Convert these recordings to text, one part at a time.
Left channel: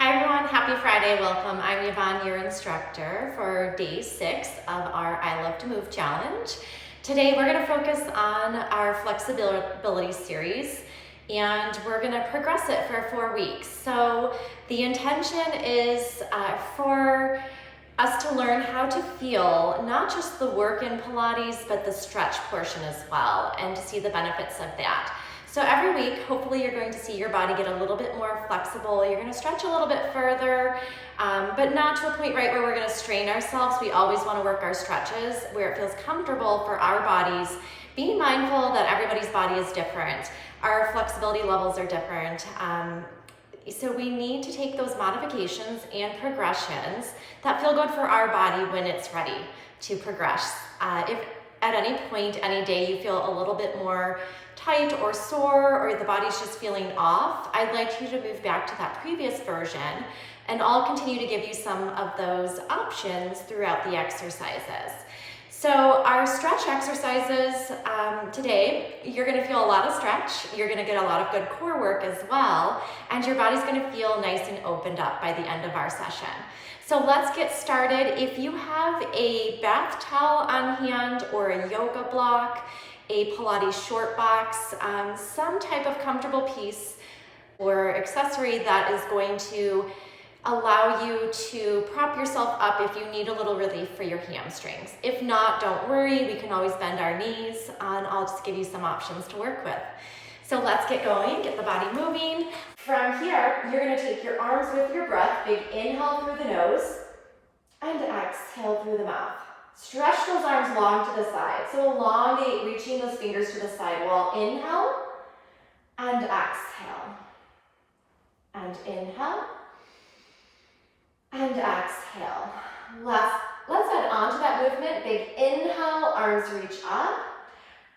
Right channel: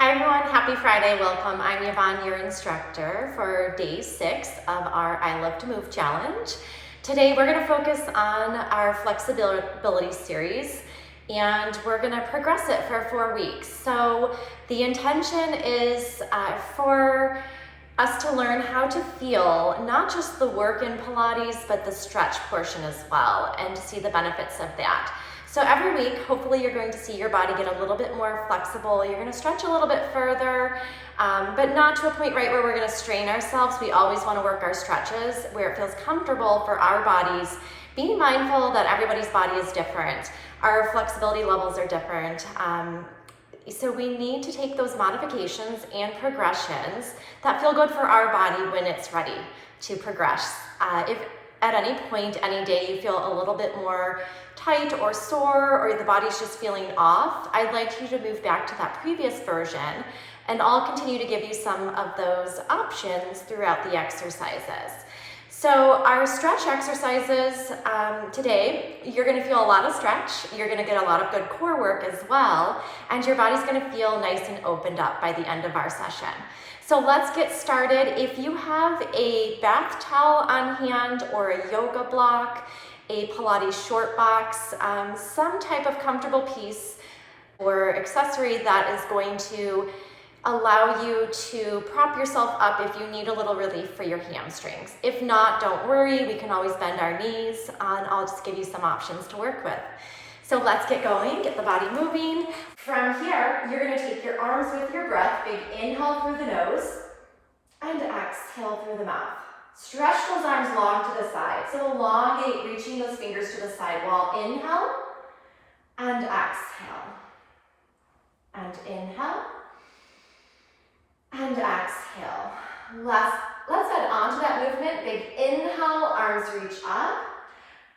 Hi everyone, happy Friday, welcome. I'm Yvonne, your instructor for day 6 of our I Love to Move challenge. Today we're going to focus on our flexibility series and we're going to progress it for 4 weeks. So the intention is for us to learn how to feel not just the work in Pilates, but the stretch portion as well, and to see the benefits of that. So every week, hopefully you're going to see your body get a little bit more flexible. You're going to stretch a little bit further, but not to a point right where we're going to strain ourselves. We always want to work our stretches where it feels comfortable for our bodies. Being mindful that everybody's body is different. Our flexibility levels are different. So we need to take those modifications and progressions that feel good for our body when it's ready to progress. If at any point, any day, you feel a little bit more tight or sore, or the body's just feeling off, I'd like you to move back to that previous version, and I'll continue to give you some of those options throughout the exercises. So our stretch exercises today, you're going to feel a lot of stretch, you're going to get a lot of good core work as well, and your body's going to feel nice and opened up by the end of our session. So let's get started. If you have a bath towel on hand or a yoga block, a Pilates short box, some type of comfortable piece or accessory that is going to allow you to prop yourself up if you need a little relief for your hamstrings. If not, don't worry, we can always bend our knees, and I'll just give you some options to work with. So let's get going, get the body moving. From here, you're going to take your arms with your breath, big inhale through the nose, and exhale through the mouth. Stretch those arms long to the side, so elongate, reaching those fingers to the side while inhale, and exhale, and inhale, and exhale. Let's add on to that movement. Big inhale, arms reach up.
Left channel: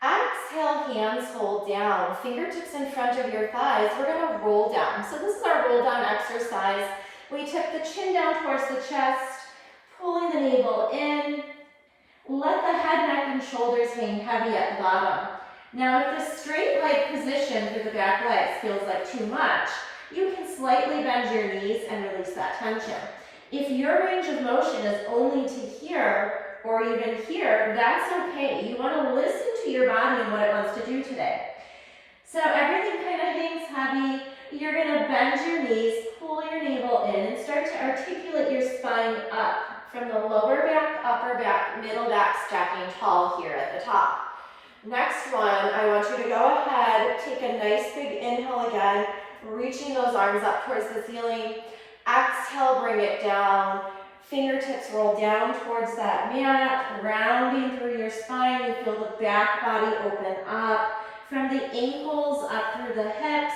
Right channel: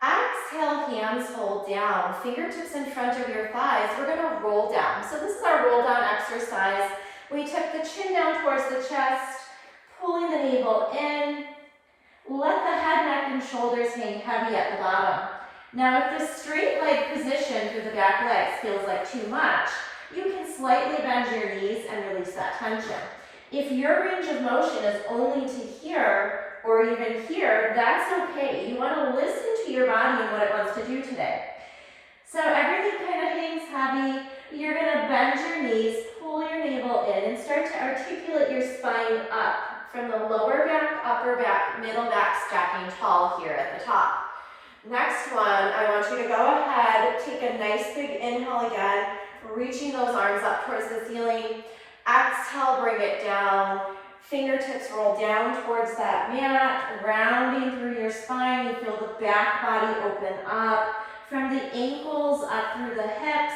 Exhale, hands fold down. Fingertips in front of your thighs. We're going to roll down. So this is our roll down exercise. We took the chin down towards the chest, pulling the navel in. Let the head, neck, and shoulders hang heavy at the bottom. Now, if the straight leg position through the back legs feels like too much, you can slightly bend your knees and release that tension. If your range of motion is only to here or even here, that's okay. You want to listen to your body and what it wants to do today. So everything kind of hangs heavy. You're going to bend your knees, pull your navel in, and start to articulate your spine up from the lower back, upper back, middle back, stacking tall here at the top. Next one, I want you to go ahead, take a nice big inhale again, reaching those arms up towards the ceiling. Exhale, bring it down. Fingertips roll down towards that mat, rounding through your spine. You feel the back body open up from the ankles up through the hips,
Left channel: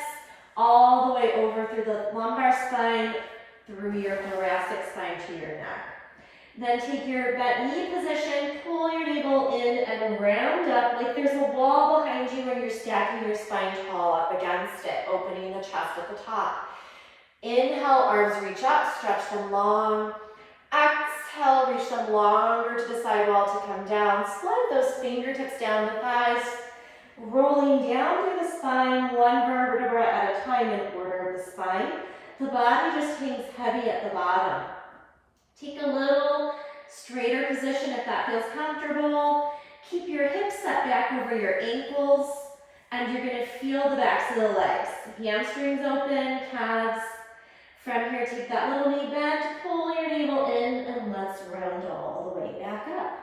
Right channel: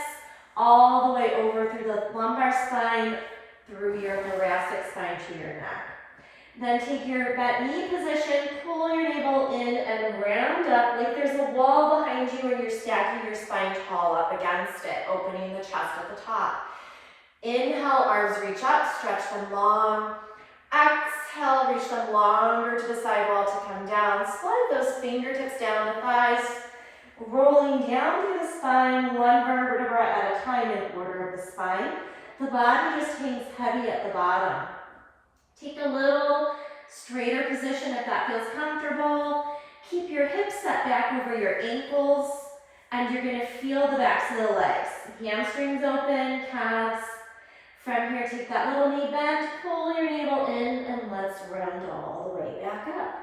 all the way over through the lumbar spine, through your thoracic spine to your neck. Then take your bent knee position, pull your navel in and round up like there's a wall behind you where you're stacking your spine tall up against it, opening the chest at the top. Inhale, arms reach up, stretch them long. Exhale, reach them longer to the sidewall to come down. Slide those fingertips down the thighs, rolling down through the spine, one vertebra at a time in order of the spine. The body just hangs heavy at the bottom. Take a little straighter position if that feels comfortable. Keep your hips set back over your ankles, and you're going to feel the backs of the legs. Hamstrings open, calves. From here, take that little knee bend, pull your navel in, and let's round all the way back up.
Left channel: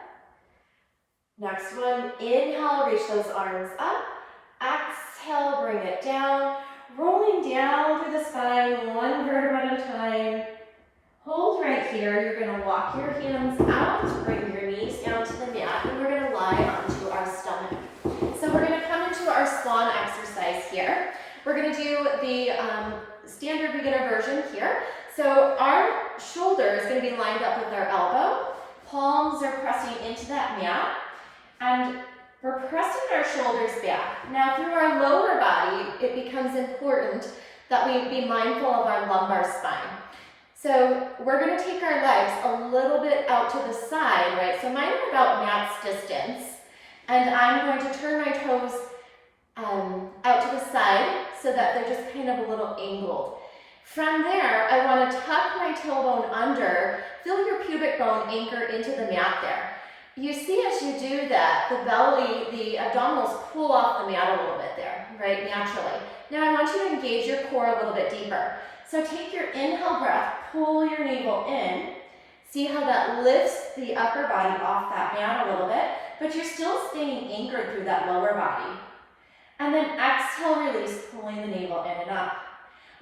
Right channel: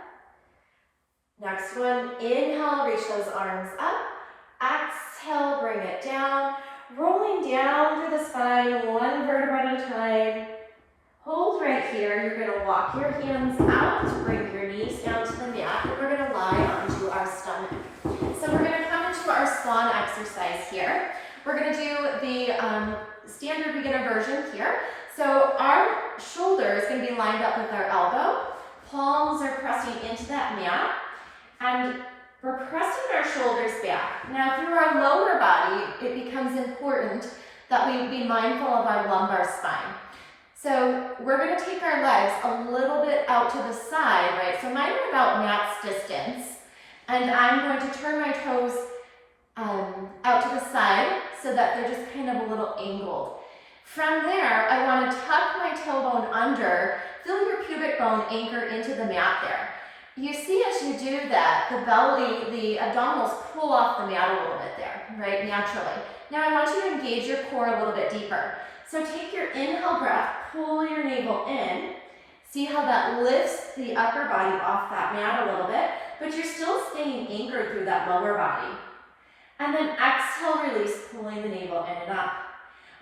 Next one, inhale, reach those arms up. Exhale, bring it down. Rolling down through the spine, one vertebra at a time. Hold right here. You're going to walk your hands out, bring your knees down to the mat, and we're going to lie onto our stomach. So we're going to come into our swan exercise here. We're going to do the standard beginner version here. So our shoulder is going to be lined up with our elbow. Palms are pressing into that mat, and we're pressing our shoulders back. Now through our lower body, it becomes important that we be mindful of our lumbar spine. So we're going to take our legs a little bit out to the side, right? So mine are about mat's distance, and I'm going to turn my toes out to the side so that they're just kind of a little angled. From there, I want to tuck my tailbone under, feel your pubic bone anchor into the mat there. You see as you do that, the belly, the abdominals pull off the mat a little bit there, right, naturally. Now I want you to engage your core a little bit deeper. So take your inhale breath, pull your navel in. See how that lifts the upper body off that mat a little bit, but you're still staying anchored through that lower body. And then exhale, release, pulling the navel in and up.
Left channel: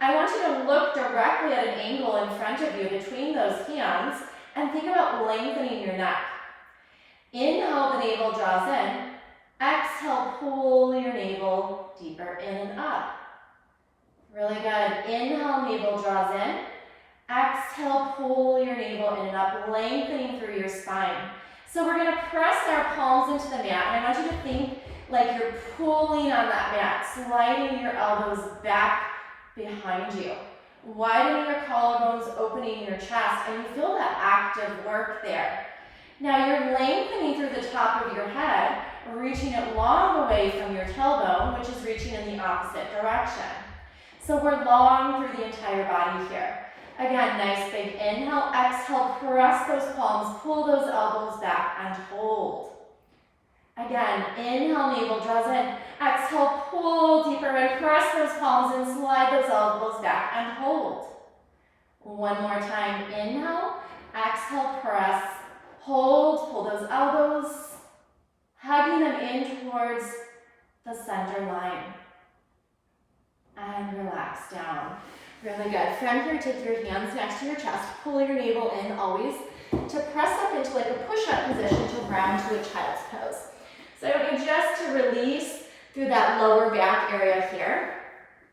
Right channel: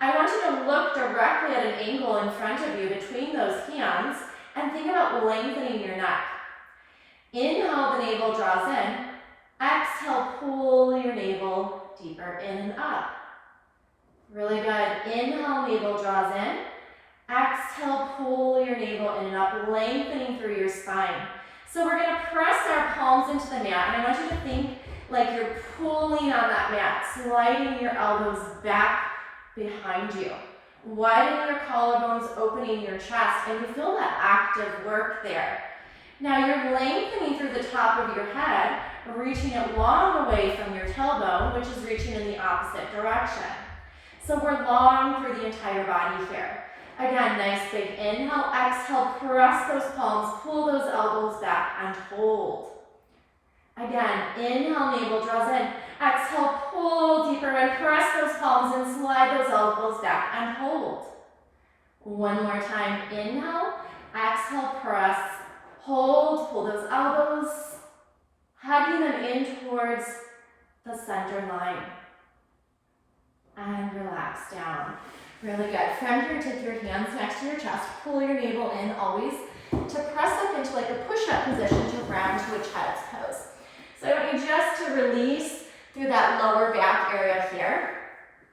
I want you to look directly at an angle in front of you between those hands and think about lengthening your neck. Inhale, the navel draws in. Exhale, pull your navel deeper in and up. Really good. Inhale, navel draws in. Exhale, pull your navel in and up, lengthening through your spine. So we're going to press our palms into the mat, and I want you to think like you're pulling on that mat, sliding your elbows back behind you, widening your collarbones, opening your chest, and you feel that active work there. Now you're lengthening through the top of your head, reaching it long away from your tailbone, which is reaching in the opposite direction. So we're long through the entire body here. Again, nice big inhale, exhale, press those palms, pull those elbows back, and hold. Again, inhale, navel draws in. Exhale, pull deeper and press those palms and slide those elbows back and hold. One more time, inhale, exhale, press, hold, pull those elbows, hugging them in towards the center line. And relax down. Really good. From here, take your hands next to your chest, pull your navel in always to press up into like a push-up position to round to a child's pose. So I want you just to release through that lower back area here.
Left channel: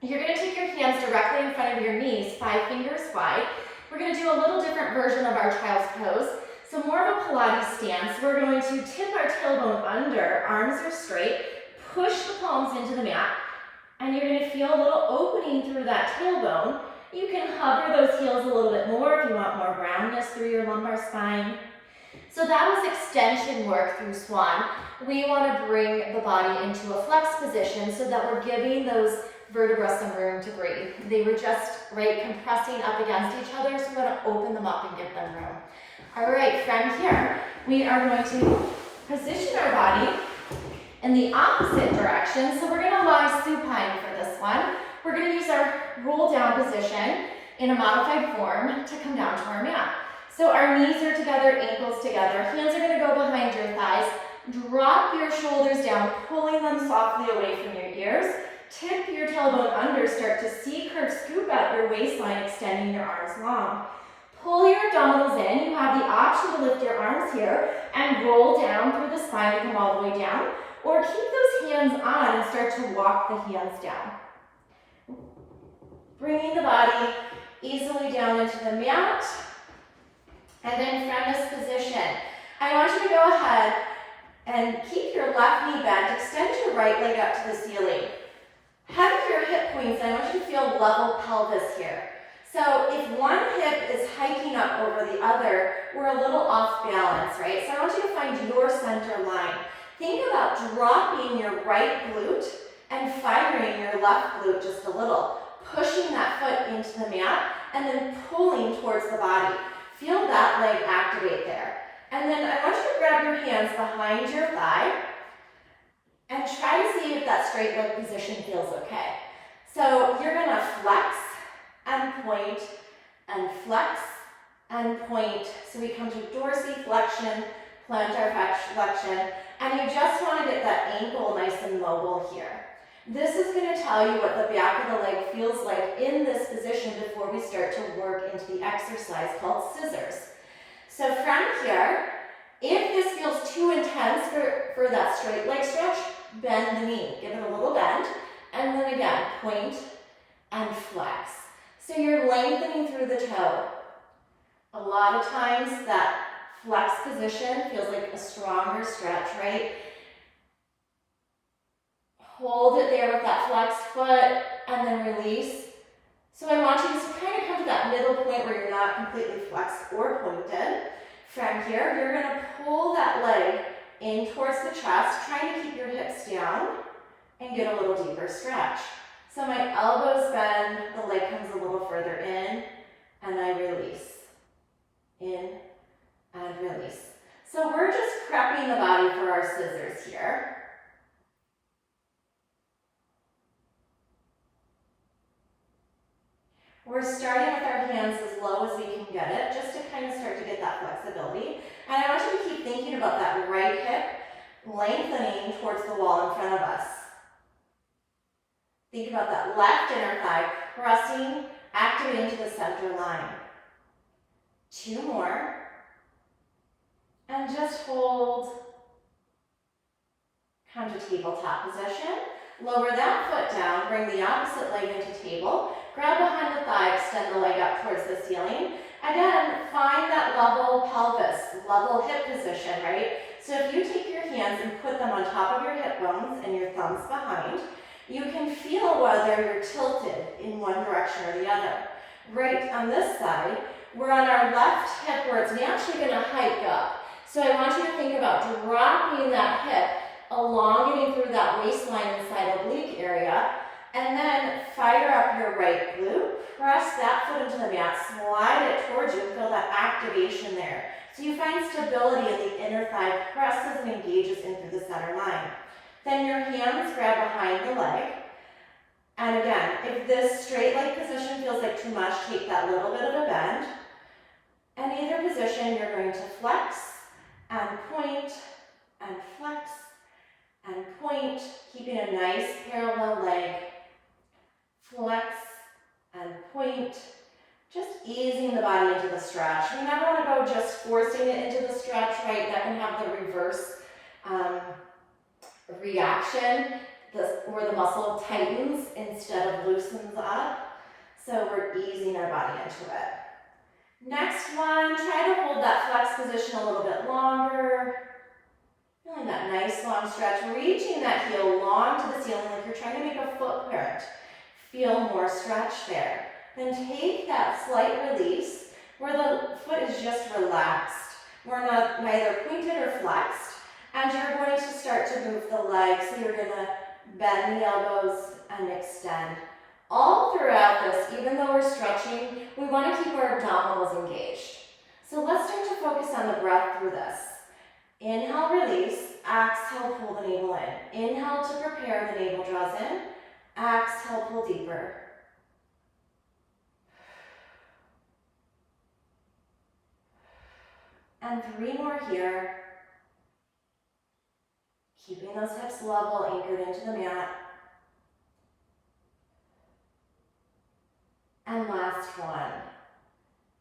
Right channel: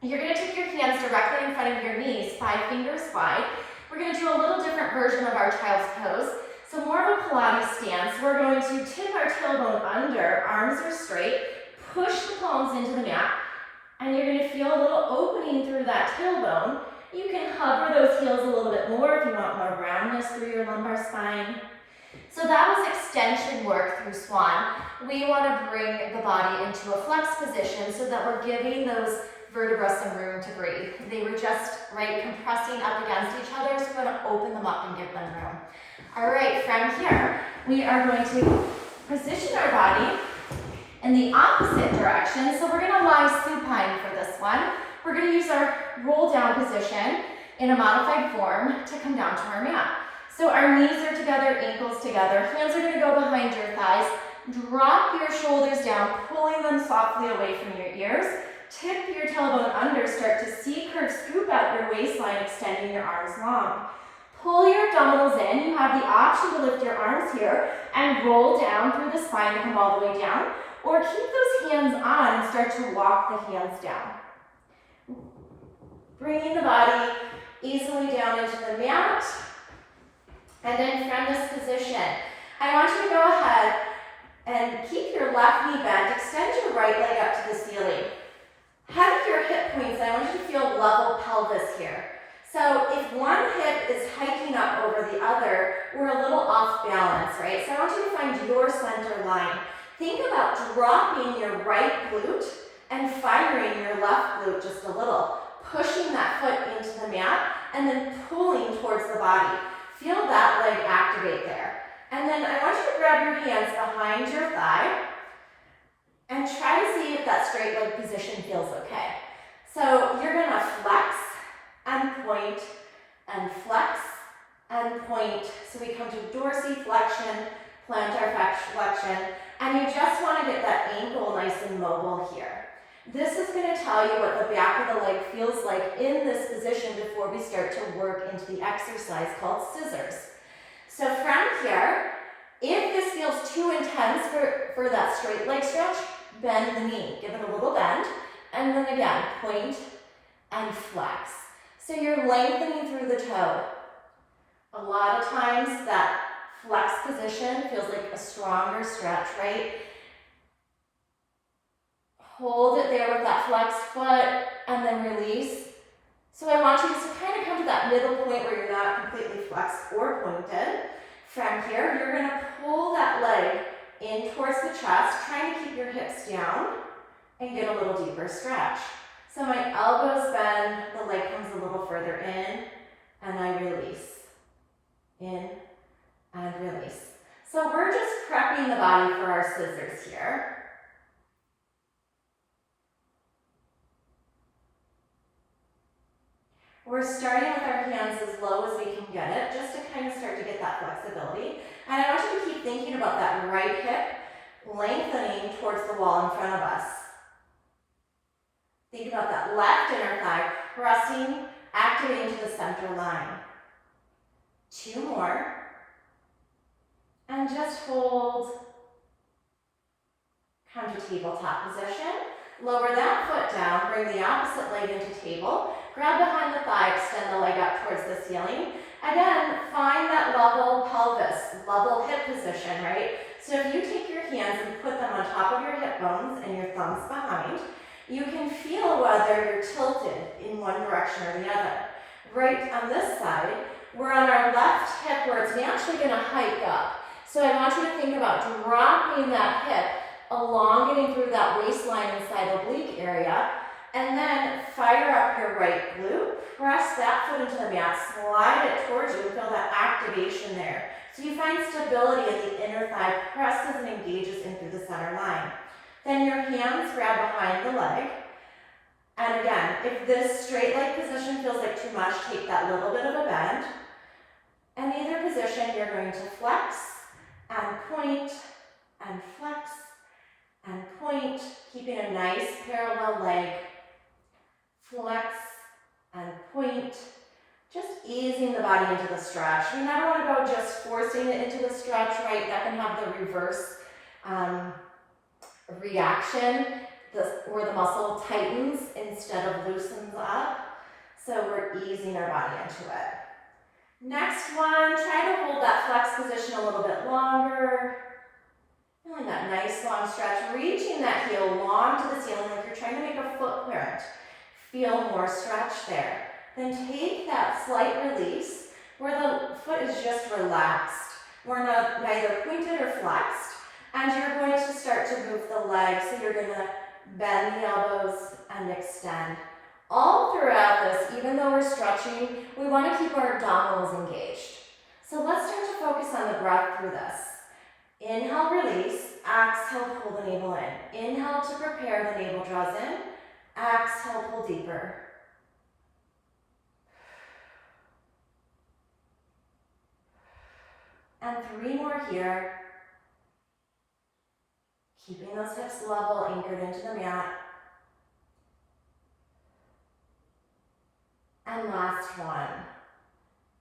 You're going to take your hands directly in front of your knees, 5 fingers wide. We're going to do a little different version of our child's pose. So more of a Pilates stance. We're going to tip our tailbone under, arms are straight, push the palms into the mat, and you're going to feel a little opening through that tailbone. You can hover those heels a little bit more if you want more roundness through your lumbar spine. So that was extension work through swan. We want to bring the body into a flex position so that we're giving those vertebrae some room to breathe. They were just, right, compressing up against each other, so we're going to open them up and give them room. All right, from here, we are going to position our body in the opposite direction. So we're going to lie supine for this one. We're going to use our roll down position in a modified form to come down to our mat. So our knees are together, ankles together. Hands are going to go behind your thighs. Drop your shoulders down, pulling them softly away from your ears. Tip your tailbone under, start to C-curve, scoop out your waistline, extending your arms long. Pull your abdominals in. You have the option to lift your arms here and roll down through the spine to come all the way down, or keep those hands on and start to walk the hands down. Bringing the body easily down into the mat. And then from this position, I want you to go ahead and keep your left knee bent. Extend your right leg up to the ceiling. Hug your hip points. I want you to feel level pelvis here. So if one hip is hiking up over the other, we're a little off balance, right? So I want you to find your center line. Think about dropping your right glute and firing your left glute just a little. Pushing that foot into the mat and then pulling towards the body. Feel that leg activate there. And then I want you to grab your hands behind your thigh and try to see if that straight leg position feels okay. So you're going to flex and point and flex and point. So we come to dorsiflexion, plantar flexion, and you just want to get that ankle nice and mobile here. This is going to tell you what the back of the leg feels like in this position before we start to work into the exercise called scissors. So from here, if this feels too intense for that straight leg stretch, bend the knee. Give it a little bend, and then again, point and flex. So you're lengthening through the toe. A lot of times that flex position feels like a stronger stretch, right? Hold it there with that flexed foot and then release. So I want you to kind of come to that middle point where you're not completely flexed or pointed. From here, you're going to pull that leg in towards the chest, trying to keep your hips down and get a little deeper stretch. So my elbows bend, the leg comes a little further in, in, and release. So we're just prepping the body for our scissors here. We're starting with our hands as low as we can get it, just to kind of start to get that flexibility. And I want you to keep thinking about that right hip lengthening towards the wall in front of us. Think about that left inner thigh pressing, activating to the center line. 2 more. And just hold. Come to tabletop position. Lower that foot down, bring the opposite leg into table. Grab behind the thigh, extend the leg up towards the ceiling. Again, find that level pelvis, level hip position, right? So if you take your hands and put them on top of your hip bones and your thumbs behind, you can feel whether you're tilted in one direction or the other. Right on this side, we're on our left hip where it's naturally going to hike up. So I want you to think about dropping that hip, elongating through that waistline inside oblique area, and then fire up your right glute, press that foot into the mat, slide it towards you, and feel that activation there. So you find stability in the inner thigh, presses and engages in through the center line. Then your hands grab behind the leg. And again, if this straight leg position feels like too much, take that little bit of a bend. In either position, you're going to flex and point and flex and point, keeping a nice parallel leg. Flex and point, just easing the body into the stretch. We never want to go just forcing it into the stretch, right? That can have the reverse reaction, where the muscle tightens instead of loosens up. So we're easing our body into it. Next one, try to hold that flex position a little bit longer. Feeling that nice long stretch, reaching that heel long to the ceiling like you're trying to make a footprint. Feel more stretch there. Then take that slight release where the foot is just relaxed. We're not neither pointed or flexed. And you're going to start to move the legs. So you're going to bend the elbows and extend. All throughout this, even though we're stretching, we want to keep our abdominals engaged. So let's start to focus on the breath through this. Inhale, release. Exhale, pull the navel in. Inhale to prepare, the navel draws in. Exhale, pull deeper. And 3 more here. Keeping those hips level, anchored into the mat. And last one.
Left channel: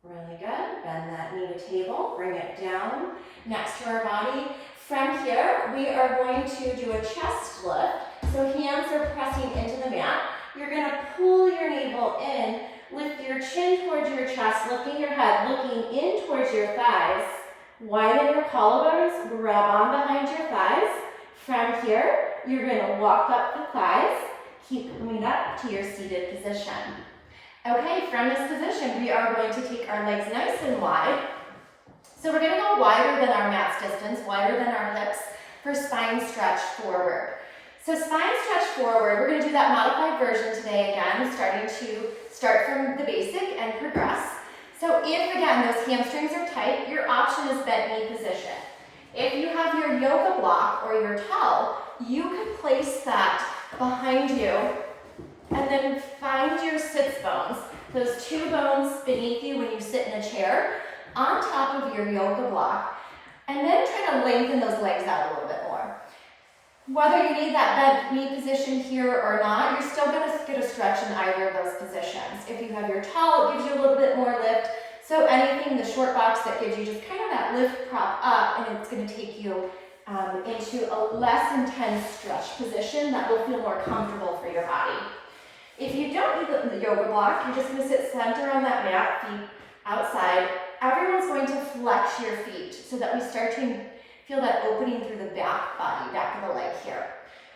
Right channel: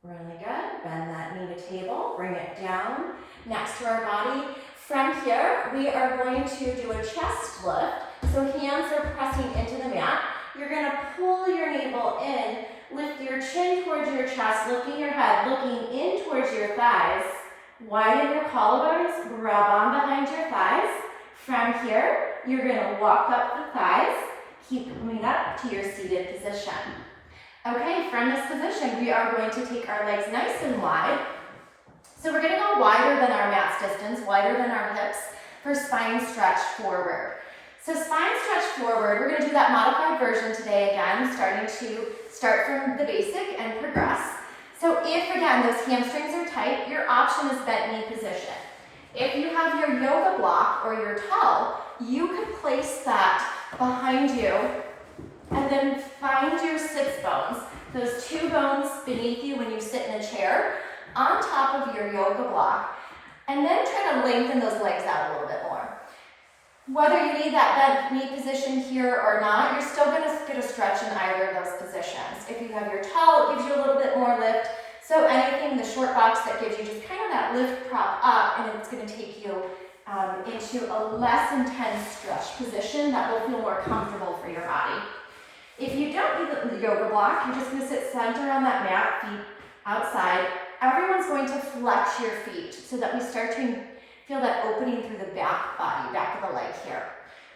Really good. Bend that knee to table, bring it down next to our body. From here, we are going to do a chest lift. So hands are pressing into the mat. You're going to pull your navel in, lift your chin towards your chest, lifting your head, looking in towards your thighs. Widen your collarbones, grab on behind your thighs. From here, you're going to walk up the thighs, keep coming up to your seated position. Okay, from this position, we are going to take our legs nice and wide. So we're going to go wider than our mat's distance, wider than our hips for spine stretch forward. So spine stretch forward, we're going to do that modified version today again, start from the basic and progress. So if, again, those hamstrings are tight, your option is bent knee position. If you have your yoga block or your towel, you could place that behind you and then find your sits bones, those 2 bones beneath you when you sit in a chair, on top of your yoga block, and then try to lengthen those legs out a little bit more. Whether you need that bent knee position here or not, you're still going to get a stretch in either of those positions. If you have your towel, it gives you a little bit more lift. So anything, the short box that gives you just kind of that lift prop up, and it's going to take you into a less intense stretch position that will feel more comfortable for your body. If you don't need the yoga block, you're just going to sit center on that mat, feet outside. Everyone's going to flex your feet so that we start to feel that opening through the back body, back of the leg here.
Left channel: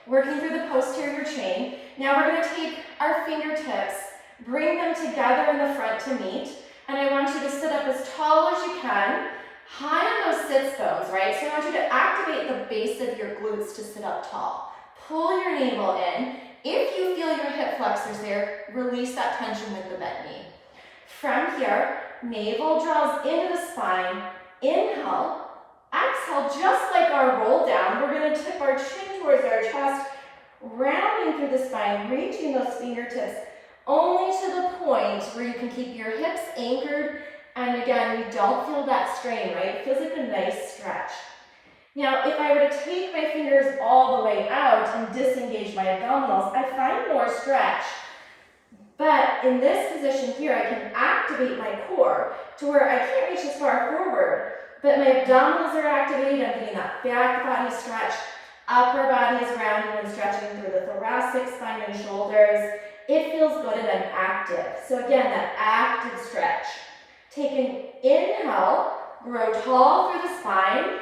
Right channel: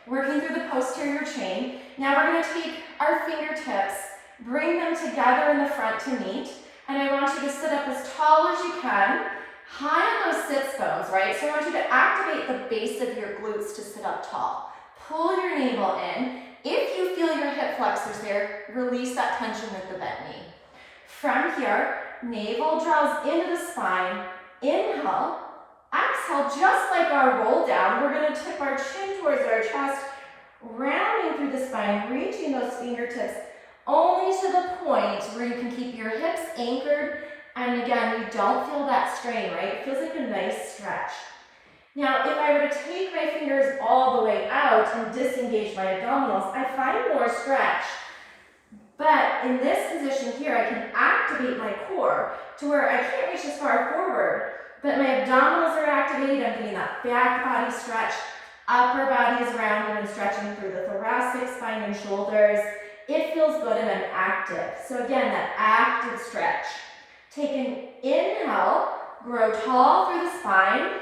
Working through the posterior chain. Now we're going to take our fingertips, bring them together in the front to meet, and I want you to sit up as tall as you can, high on those sits bones, right? So I want you to activate the base of your glutes to sit up tall. Pull your navel in. If you feel your hip flexors there, release that tension with the bent knee. From here, navel draws into the spine. Inhale. Exhale, just like our roll down, we're going to tip our chin towards our chest, rounding through the spine, reaching those fingertips only to the point where you can keep your hips anchored, and again, you don't feel that strain, right? It feels like a nice stretch. Now, if I were to take my fingers all the way out and disengage my abdominals, I find more stretch. But in this position here, I can activate my core to where I can't reach as far forward, but my abdominals are activated. I'm getting that back body stretch. Upper body is rounding and stretching through the thoracic spine and shoulders. It feels good and I'm active. So again, that active stretch. Take an inhale, grow tall through the spine.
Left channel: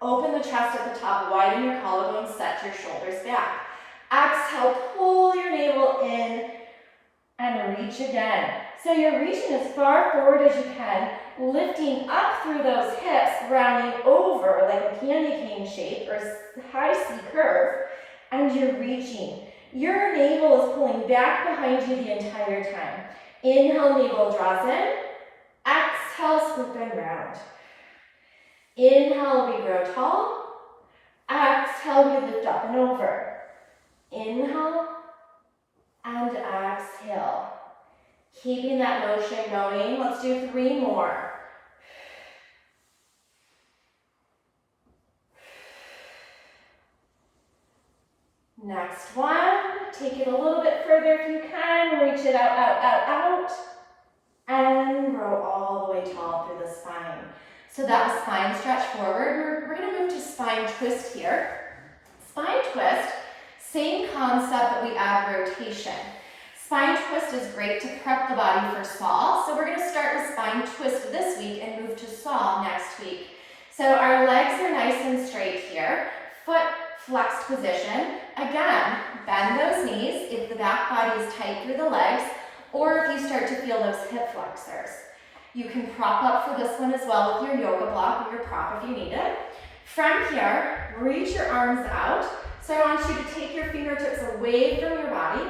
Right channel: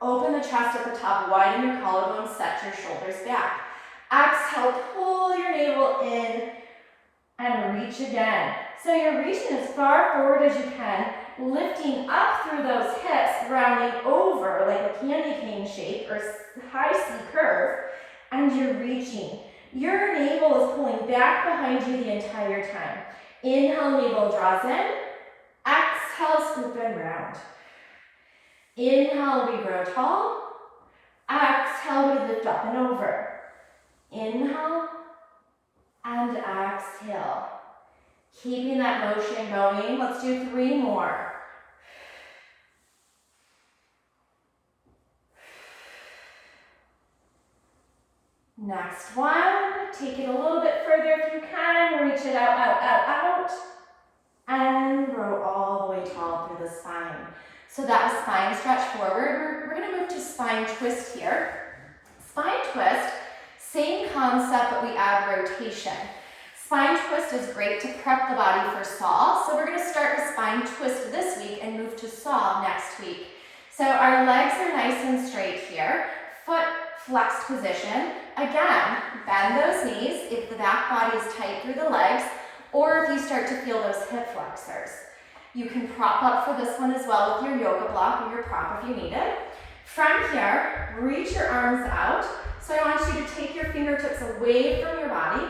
Open the chest at the top, widen your collarbones, set your shoulders back. Exhale, pull your navel in and reach again. So you're reaching as far forward as you can, lifting up through those hips, rounding over like a candy cane shape or high C curve, and you're reaching. Your navel is pulling back behind you the entire time. Inhale, navel draws in. Exhale, scoop and round. Inhale, we grow tall. Exhale, we lift up and over. Inhale and exhale. Keeping that motion going. Let's do 3 more. Next one. Take it a little bit further if you can. Reach it out, out, out, out. And grow all the way tall through the spine. So that was spine stretch forward. We're going to move to spine twist here. Spine twist, same concept, but we add rotation. Spine twist is great to prep the body for saw. So we're going to start with spine twist this week and move to saw next week. So our legs are nice and straight here. Foot flexed position. Again, bend those knees if the back body is tight through the legs, or if you start to feel those hip flexors. You can prop up for this one as well with your yoga block or your prop if you need it. From here, reach your arms out. So I want you to take your fingertips away from your body,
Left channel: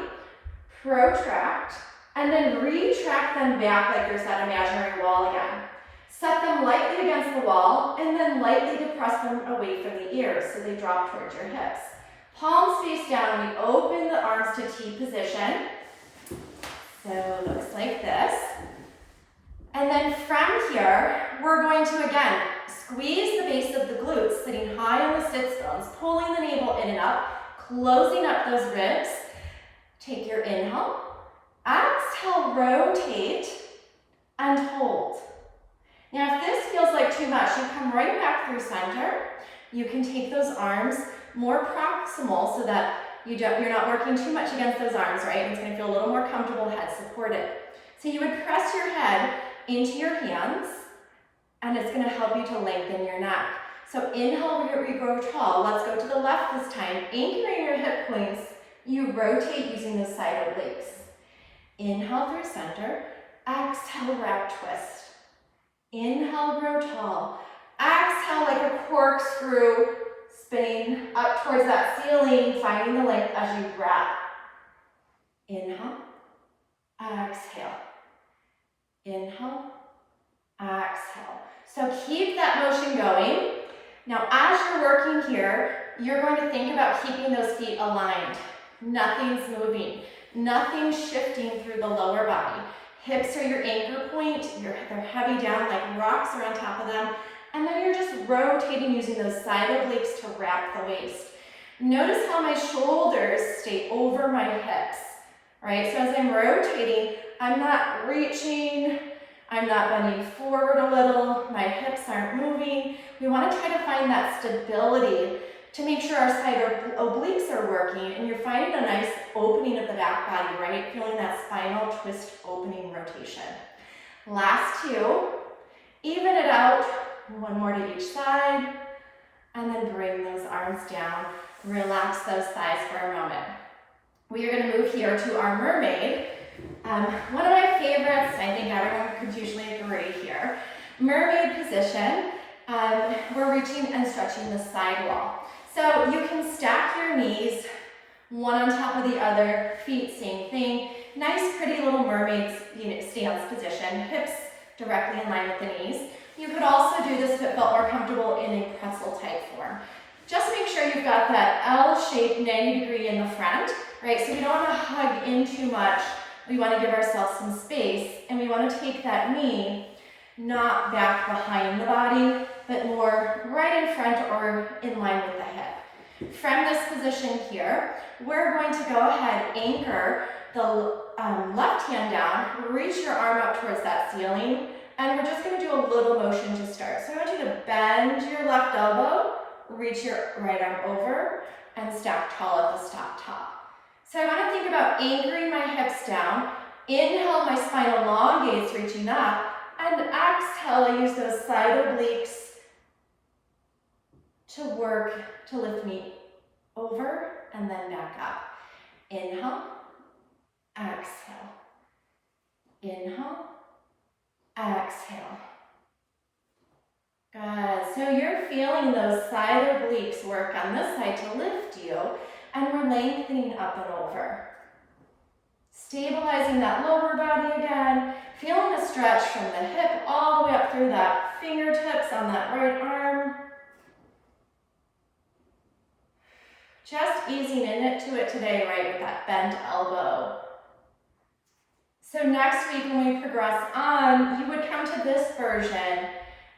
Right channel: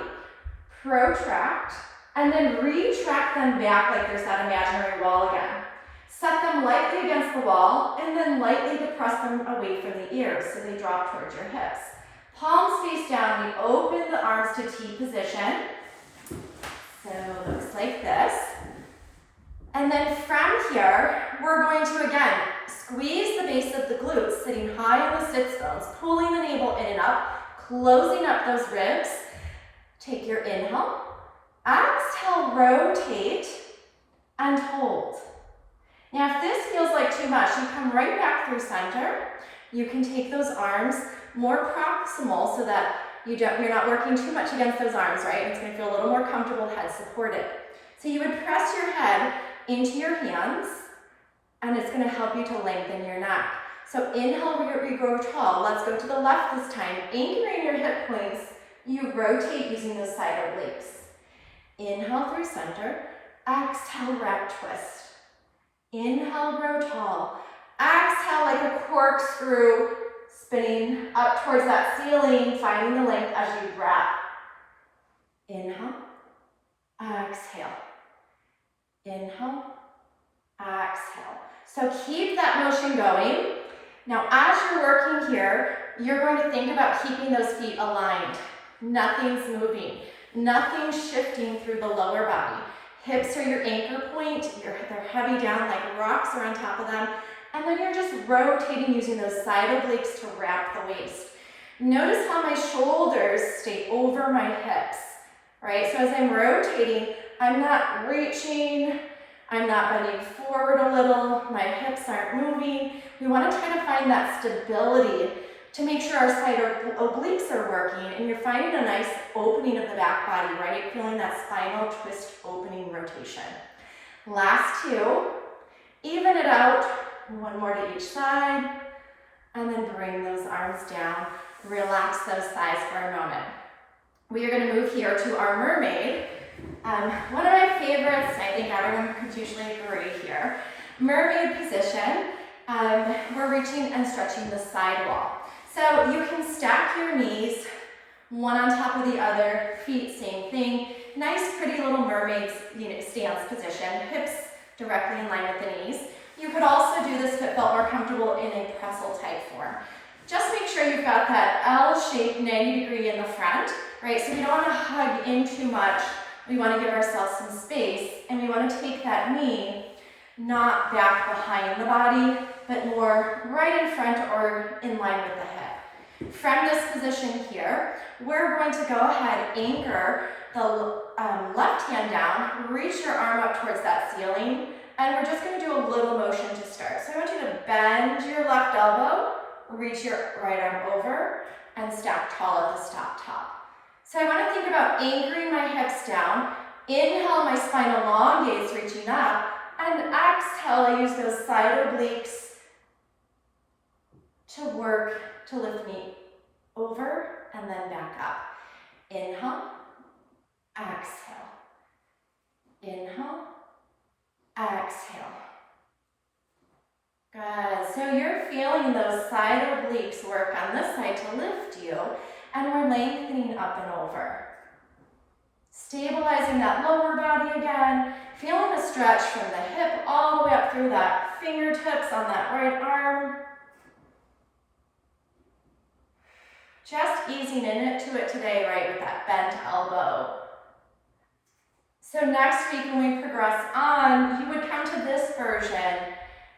protract, and then retract them back like there's that imaginary wall again. Set them lightly against the wall, and then lightly depress them away from the ears so they drop towards your hips. Palms face down, we open the arms to T position. So it looks like this. And then from here, we're going to, again, squeeze the base of the glutes, sitting high on the sits bones, pulling the navel in and up, closing up those ribs. Take your inhale. Exhale, rotate, and hold. Now, if this feels like too much, you come right back through center. You can take those arms more proximal so that you're not working too much against those arms, right? It's going to feel a little more comfortable, head supported. So you would press your head into your hands, and it's going to help you to lengthen your neck. So inhale, we grow tall. Let's go to the left this time. Anchoring your hip points, you rotate using those side obliques. Inhale through center. Exhale, wrap twist. Inhale, grow tall. Exhale like a corkscrew, spinning up towards that ceiling, finding the length as you wrap. Inhale, exhale. Inhale, exhale. So keep that motion going. Now, as you're working here, you're going to think about keeping those feet aligned. Nothing's moving. Nothing's shifting through the lower body. Hips are your anchor point. They're heavy down like rocks are on top of them. And then you're just rotating using those side obliques to wrap the waist. Notice how my shoulders stay over my hips, right? So as I'm rotating, I'm not reaching, I'm not bending forward a little, my hips aren't moving. We want to try to find that stability to make sure our side obliques are working, and you're finding a nice opening of the back body, right? Feeling that spinal twist opening rotation. Last 2, even it out, 1 more to each side, and then bring those arms down. Relax those thighs for a moment. We are going to move here to our mermaid. One of my favorites, I think everyone could usually agree here. Mermaid position, we're reaching and stretching the side wall. So you can stack your knees, one on top of the other, feet same thing. Nice, pretty little mermaid stance position. Hips directly in line with the knees. You could also do this if it felt more comfortable in a pretzel type form. Just make sure you've got that L-shaped 90 degree in the front, right? So you don't want to hug in too much. We want to give ourselves some space, and we want to take that knee not back behind the body, but more right in front or in line with the hip. From this position here, we're going to go ahead, anchor the left hand down, reach your arm up towards that ceiling, and we're just going to do a little motion to start. So I want you to bend your left elbow, reach your right arm over, and stack tall at the top. So I want to think about anchoring my hips down. Inhale, my spine elongates, reaching up, and exhale, I use those side obliques to work to lift me over and then back up. Inhale, exhale. Inhale, exhale. Good. So you're feeling those side obliques work on this side to lift you, and we're lengthening up and over. Stabilizing that lower body again, feeling the stretch from the hip all the way up through that fingertips on that right arm. Just easing into it today, right, with that bent elbow. So next week when we progress on, you would come to this version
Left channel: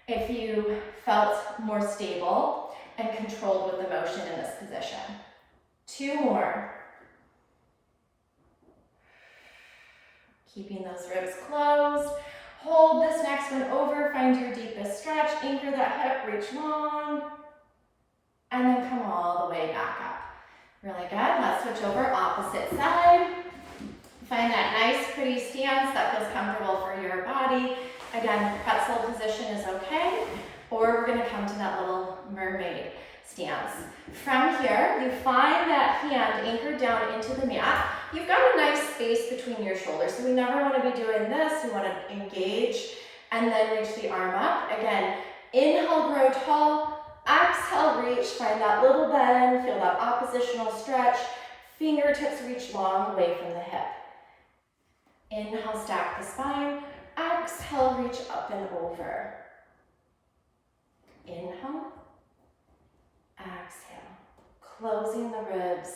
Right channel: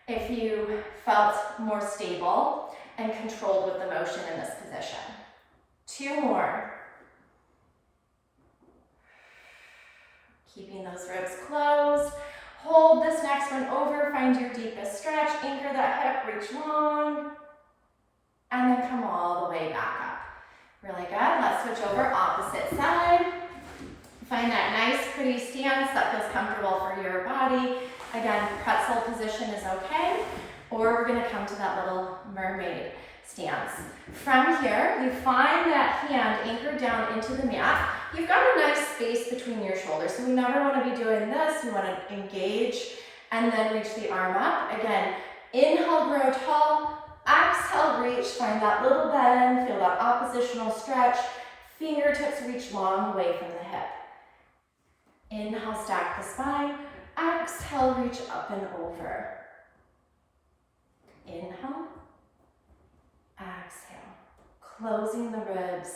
if you felt more stable and controlled with the motion in this position. 2 more. Keeping those ribs closed. Hold this next one over, find your deepest stretch, anchor that hip, reach long, and then come all the way back up. Really good. Let's switch over opposite side. Find that nice, pretty stance that feels comfortable for your body. Again, pretzel position is okay, or we're going to come to that little mermaid stance. From here, you find that hand anchored down into the mat. You've got a nice space between your shoulders, so we never want to be doing this. We want to engage and then reach the arm up. Again, inhale, grow tall. Exhale, reach, find that little bend, feel that oppositional stretch. Fingertips reach long away from the hip. Inhale, stack the spine. Exhale, reach up and over. Inhale. Exhale. Closing the ribs.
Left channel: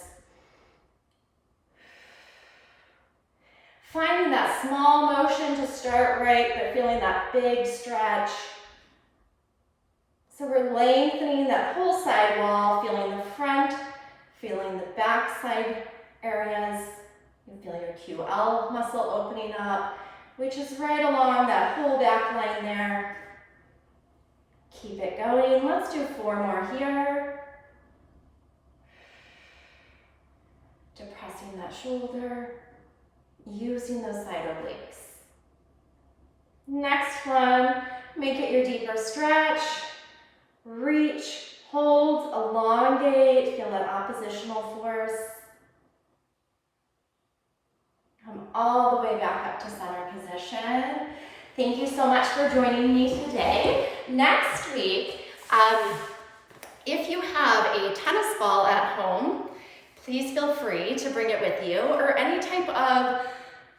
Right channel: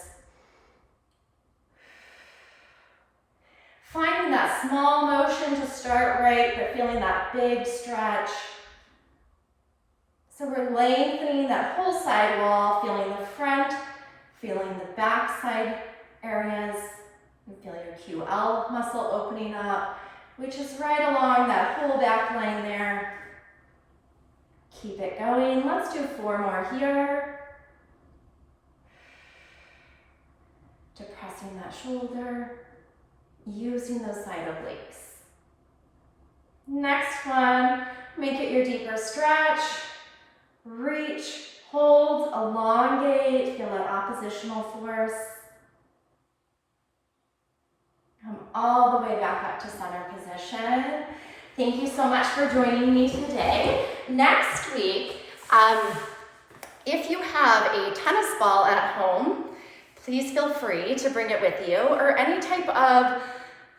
Finding that small motion to start right, but feeling that big stretch. So we're lengthening that whole side wall, feeling the front, feeling the back side areas. You feel your QL muscle opening up, which is right along that whole back line there. Keep it going. Let's do 4 more here. Depressing that shoulder, using those side obliques. Next one, make it your deeper stretch. Reach, hold, elongate, feel that oppositional force. Come all the way back up to center position. Thank you so much for joining me today. Next week, if you have a tennis ball at home, please feel free to bring it with you, or any type of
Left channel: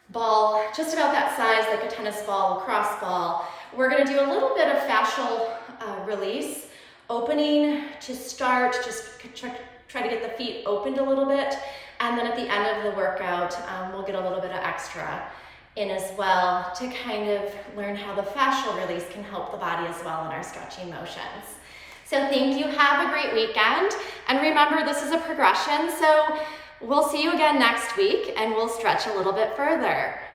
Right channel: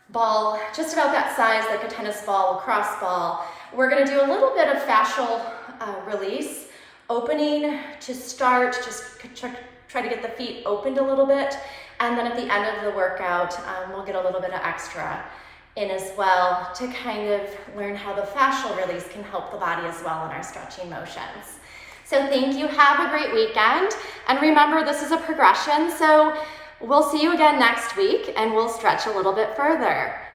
ball, just about that size, like a tennis ball, lacrosse ball. We're gonna do a little bit of fascial release, opening to start, just try to get the feet opened a little bit, and then at the end of the workout, we'll get a little bit of extra in as well to kind of learn how the fascial release can help the body as well in our stretching motions. So thank you, have a great weekend, and remember this is a progression, so we'll see you again next week and we'll stretch a little bit further.